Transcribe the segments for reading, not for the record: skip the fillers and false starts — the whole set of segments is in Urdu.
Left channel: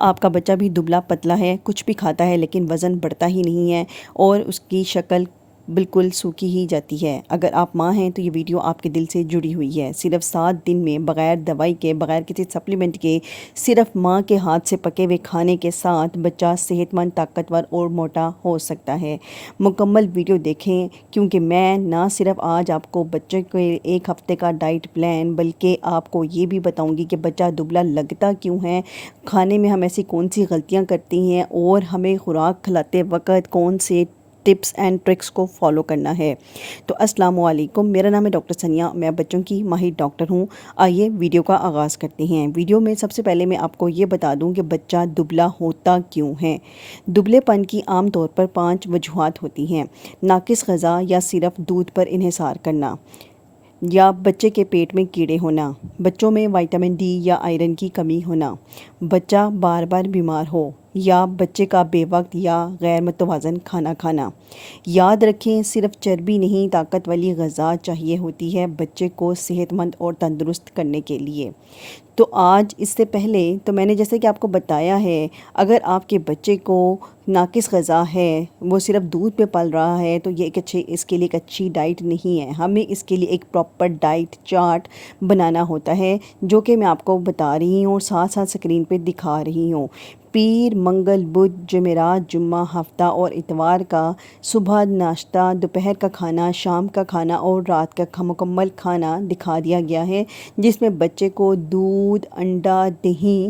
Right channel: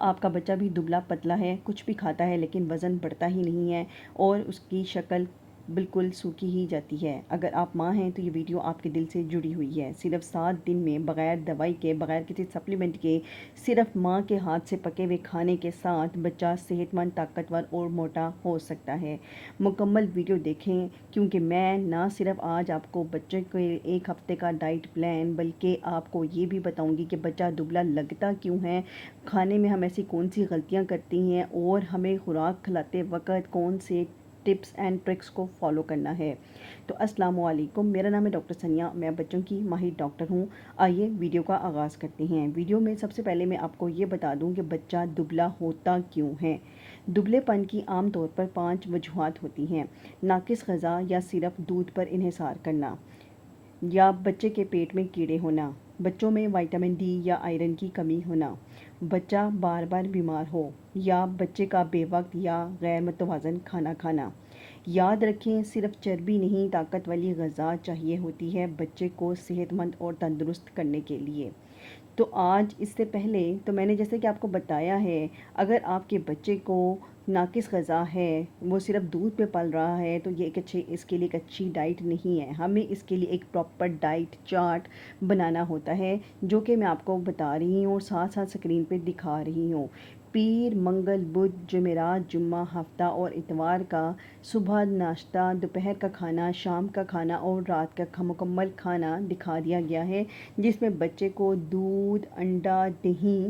آپ کا بچہ بھی دبلا پتلا ہے، کچھ بھی کھاتا ہے لیکن وزن بڑھتا ہی نہیں ہے اور اس کی شکل بالکل سوکھی ہی جاتی ہے۔ اگر آپ ماں ہیں تو یہ ویڈیو آپ کے دل سے جڑی ہوئی ہے۔ صرف 7 دن میں بغیر دوائی کے، بغیر کسی سپلیمنٹ کے، صرف ماں کے ہاتھ سے پکے ہوئے کھانے کے ساتھ بچہ صحت مند، طاقتور اور موٹا ہو سکتا ہے۔ مکمل ویڈیو دیکھیں، کیونکہ میں نہ صرف آج آپ کو بچے کے 1 ہفتے کا ڈائٹ پلان بلکہ آپ کو یہ بھی بتاؤں گی کہ بچہ دبلا لگتا کیوں ہے، کھانے میں ہم ایسی کون سی غلطیاں کرتی ہیں اور ہمیں خوراک کھلاتے وقت کون سے ٹپس اینڈ ٹرکس کو فالو کرنا ہے۔ تو السلام علیکم، میرا نام ہے ڈاکٹر ثانیہ، میں بچوں کی ماہر ڈاکٹر ہوں۔ آئیے ویڈیو کا آغاز کرتے ہیں۔ ویڈیو میں سب سے پہلے میں آپ کو یہ بتا دوں کہ بچہ دبلا ہوتا کیوں ہے۔ دبلے پن کی عام طور پر 5 وجوہات ہوتی ہیں: ناقص غذا یا صرف دودھ پر انحصار کرنا، یا بچے کے پیٹ میں کیڑے ہونا، بچوں میں وٹامن ڈی یا آئرن کی کمی ہونا، بچہ بار بار بیمار ہو، یا بچے کا بے وقت یا غیر متوازن کھانا کھانا۔ یاد رکھیں، صرف چربی نہیں، طاقت والی غذا چاہیے ہوتی ہے بچے کو صحت مند اور تندرست کرنے کے لیے۔ تو آج اس سے پہلے تو میں نے جیسے کہ آپ کو بتایا ہے، اگر آپ کے بچے کو ناقص غذا ہے، وہ صرف دودھ پہ پل رہا ہے، تو یہ اس کے لیے ایک اچھی ڈائٹ نہیں ہے۔ ہمیں اس کے لیے ایک پراپر ڈائٹ چارٹ بنانا ہوتا ہے، جو کہ میں آپ کو بتا رہی ہوں اور ساتھ ساتھ اسکرین پہ دکھا رہی ہوں۔ پیر، منگل، بدھ، جمعرات، جمعہ، ہفتہ اور اتوار کا صبح ناشتہ، دوپہر کا کھانا، شام کا کھانا اور رات کا مکمل کھانا دکھا دیا گیا ہے، جس میں بچے کو دودھ، انڈا، دہی،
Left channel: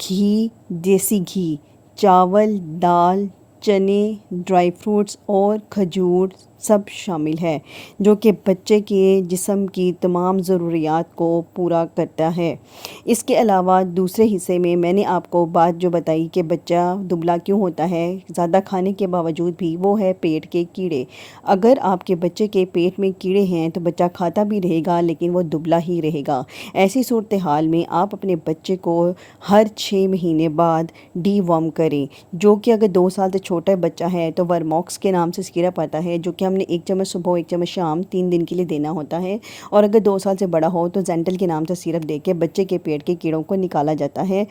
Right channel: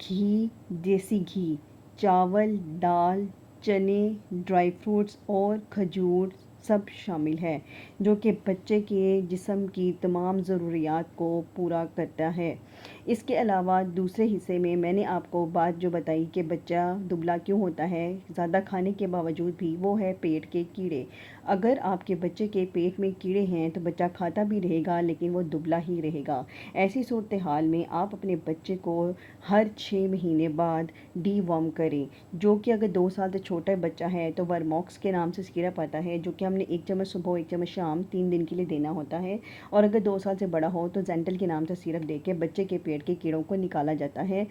گھی، دیسی گھی، چاول، دال، چنے، ڈرائی فروٹس اور کھجور سب شامل ہے، جو کہ بچے کے جسم کی تمام ضروریات کو پورا کرتا ہے۔ اس کے علاوہ دوسرے حصے میں نے آپ کو بات جو بتائی کہ بچہ دبلا کیوں ہوتا ہے زیادہ کھانے کے باوجود بھی، وہ ہے پیٹ کے کیڑے۔ اگر آپ کے بچے کے پیٹ میں کیڑے ہیں تو بچہ کھاتا بھی رہے گا لیکن وہ دبلا ہی رہے گا۔ ایسی صورتحال میں آپ اپنے بچے کو ہر 6 مہینے بعد ڈی وارم کریں، جو کہ اگر 2 سال سے چھوٹا بچہ ہے تو ورموکس کے نام سے سیرپ آتا ہے، جو کہ ہم نے 1 چمچ صبح 1 چمچ شام 3 دن کے لیے دینا ہوتا ہے، اور اگر 2 سال سے بڑا ہو تو زینٹل کے نام سے سیرپ دے کے بچے کے پیٹ کے کیڑوں کو نکالا جاتا ہے،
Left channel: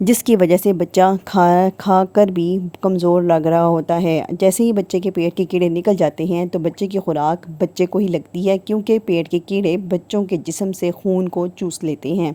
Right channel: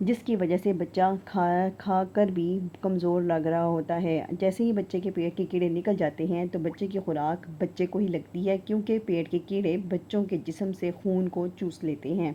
جس کی وجہ سے بچہ کھا کر بھی کمزور لگ رہا ہوتا ہے۔ جیسے ہی بچے کے پیٹ کے کیڑے نکل جاتے ہیں تو بچے کی خوراک بچے کو ہی لگتی ہے، کیونکہ پیٹ کے کیڑے بچوں کے جسم سے خون کو چوس لیتے ہیں۔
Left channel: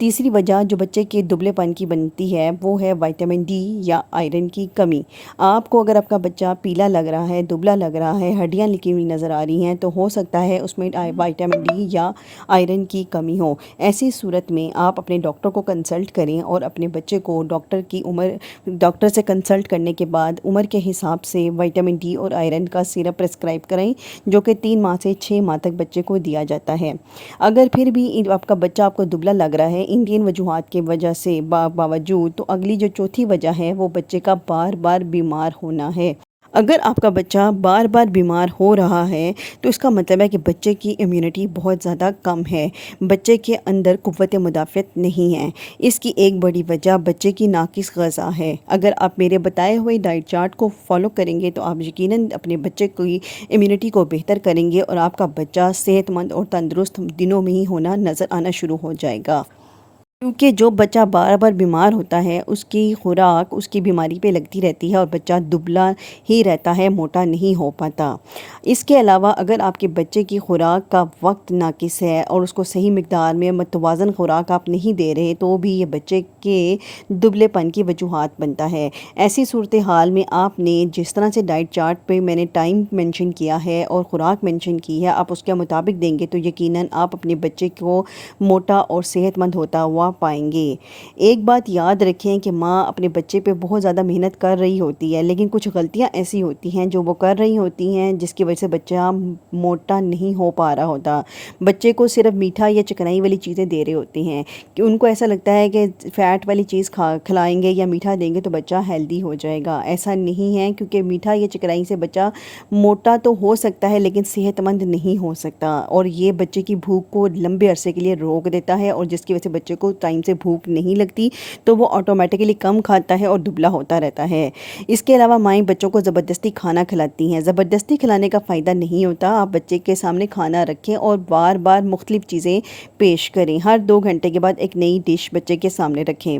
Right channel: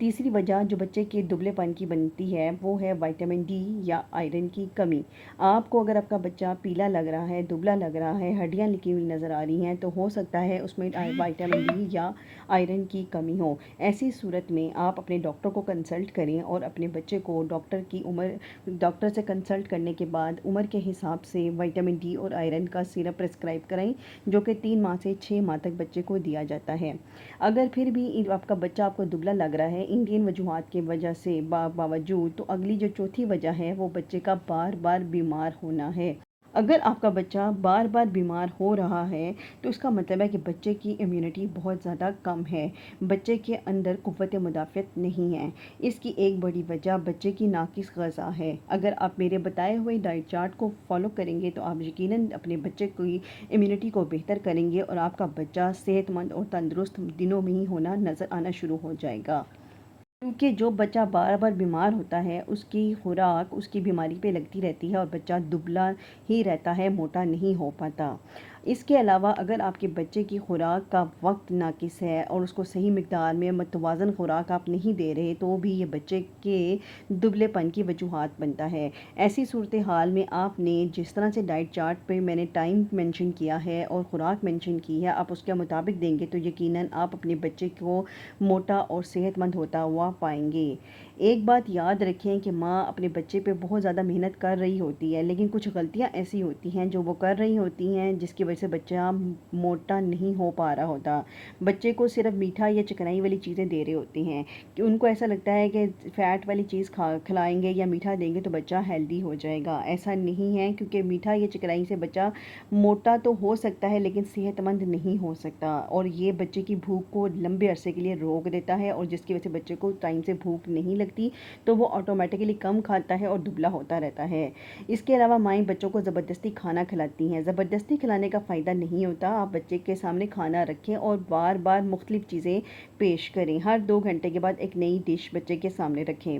تیسری وجہ جو بچے کے دبلے پن کی بنتی ہے وہ ہے وٹامن ڈی یا آئرن کی کمی۔ آپ کو اگر آپ کا بچہ پیلا لگ رہا ہے، دبلا لگ رہا ہے، ہڈیاں لکھی ہوئی نظر آ رہی ہیں، تو ہو سکتا ہے اس میں وٹامن ڈی یا آئرن کی کمی ہو۔ ایسی صورت میں آپ اپنے ڈاکٹر کو کنسلٹ کریں اور اپنے بچے کو ڈاکٹر سے کنسلٹ کرنے کے بعد عمر کے حساب سے وٹامن ڈی اور آئرن کا سیرپ پرسکرائب کریں، جو کہ 3 ماہ سے 6 ماہ تک بچے کو دیا جاتا ہے۔ اگر پھر بھی آپ کا بچہ آپ کو دبلا لگ رہا ہے ان وجوہات کی وجہ سے باوجود، تو اگلی جو چوتھی وجہ ہے وہ بچے کا بار بار بیمار ہونا ہے۔ اگر آپ کا بچہ بار بار بیمار ہو رہا ہے تو اس کا مطلب ہے کہ بچے کی امیونٹی بہت زیادہ کم ہے، بچے کے اندر قوت مدافعت نہیں ہے۔ اس کی ایک بڑی وجہ بچے کی ناقص غذا ہے۔ اگر آپ میرے بتائے ہوئے ڈائٹ چارٹ کو فالو کریں گے تو آپ یقیناً اپنے بچے کی امیونٹی کو بہتر کریں گے اور آپ کا بچہ صحت مند اور تندرست دنوں میں ہی ہونا نظر آنا شروع ہو جائے گا۔ کیونکہ جو بچہ بار بار بیمار ہوتا ہے اس کی خوراک اس کی بیماری پہ لگتی رہتی ہے اور بچہ دبلا ہی رہتا ہے، موٹا نہیں ہو پاتا۔ اس کے علاوہ اگر آپ کے بچے کی خوراک کا وقت ناقص ہے اور اس کو صحیح مقدار میں متوازن خوراک آپ نہیں دے رہے، تو بھی یہ بچے کے دبلے پن کی وجوہات بنتا ہے۔ ایسی صورتحال میں آپ نے جس طرح سے ڈائٹ چارٹ پہ میں نے ٹائم مینشن کیا ہے اور خوراک مینشن کی ہے، آپ اس کے مطابق دیں گے تو یقیناً آپ اپنے بچے کو موٹا اور صحت مند ہوتا ہوا پائیں گے۔ ایک بات یاد رکھیں کہ ماں اپنے بچے پہ بہت زیادہ محنت کر رہی ہوتی ہے، لیکن کچھ غلطیاں ایسی ہوتی ہیں جو وہ کر رہی ہوتی ہیں جس کی وجہ سے بچہ موٹا نہیں ہو پا رہا ہوتا۔ بچے کو صرف میٹھا یا چکنائی والی چیزیں دے رہے ہوتے ہیں کہ ان کو ایسا لگتا ہے کہ فیٹ والی چیز کھلائیں گے یا میٹھا دیں گے تو بچہ ہیلدی ہو جائے گا۔ ایسا نہیں ہے، کیونکہ میٹھا یا چکنائی سے بچہ موٹا تو ہو سکتا ہے لیکن صحت مند نہیں ہو سکتا، اور یہ بچے کی بھوک کو لمبے عرصے کے لیے روک دیتا ہے، اور جس کی وجہ سے بچے کو ٹائم سے بھوک نہیں لگتی تو وہ آٹومیٹکلی کم کھاتا ہے اور دبلا ہوتا رہتا ہے۔ اس کے علاوہ مائیں بچوں کو زبردستی کھانا کھلاتی ہیں۔ زبردستی کھلانے کا فائدہ نہیں ہوتا۔ آپ بچے کے سامنے کھانا رکھیں اور بار بار مختلف چیزیں پیش کریں۔ ہر 2 گھنٹے کے بعد ایک نئی ڈش بچے کے سامنے رکھیں۔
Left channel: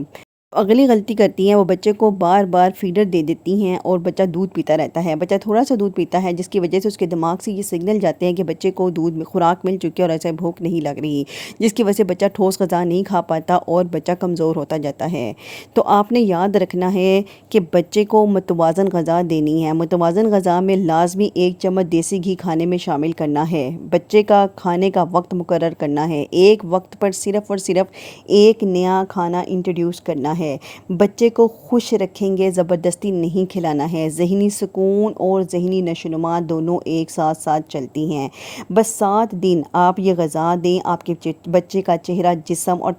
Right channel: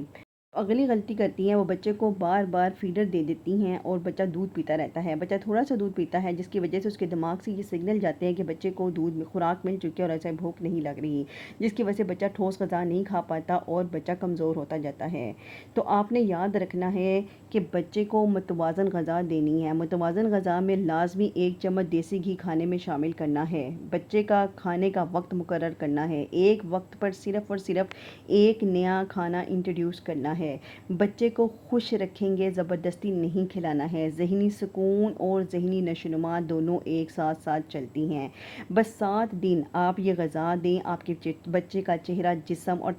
اگلی غلطی کرتی ہیں وہ بچے کو بار بار فیڈر دے دیتی ہیں اور بچہ دودھ پیتا رہتا ہے۔ بچہ تھوڑا سا دودھ پیتا ہے جس کی وجہ سے اس کے دماغ سے یہ سگنل جاتے ہیں کہ بچے کو دودھ میں خوراک مل چکی ہے اور ایسے بھوک نہیں لگ رہی، جس کی وجہ سے بچہ ٹھوس غذا نہیں کھا پاتا اور بچہ کمزور ہوتا جاتا ہے۔ تو آپ نے یاد رکھنا ہے کہ بچے کو متوازن غذا دینی ہے۔ متوازن غذا میں لازمی 1 چمچ دیسی گھی کھانے میں شامل کرنا ہے۔ بچے کا کھانے کا وقت مقرر کرنا ہے۔ ایک وقت پر صرف اور صرف ایک نیا کھانا انٹروڈیوس کرنا ہے۔ بچے کو خوش رکھیں گے، زبردستی نہیں کھلانا ہے۔ ذہنی سکون اور ذہنی نشوونما دونوں ایک ساتھ ساتھ چلتی ہیں۔ بس 7 دن آپ یہ غذا دیں، آپ کے بچے کا چہرہ، جسم اور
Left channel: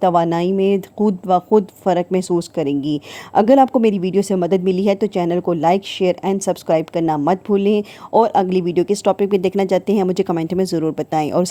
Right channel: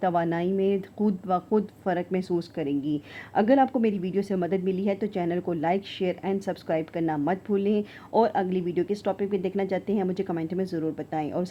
توانائی میں خود بخود فرق محسوس کریں گی۔ اگر آپ کو میری ویڈیو سے مدد ملی ہے تو چینل کو لائک، شیئر اینڈ سبسکرائب کرنا مت بھولیں، اور اگلی ویڈیو کس ٹاپک پہ دیکھنا چاہتے ہیں مجھے کمنٹ میں ضرور بتائیں، اور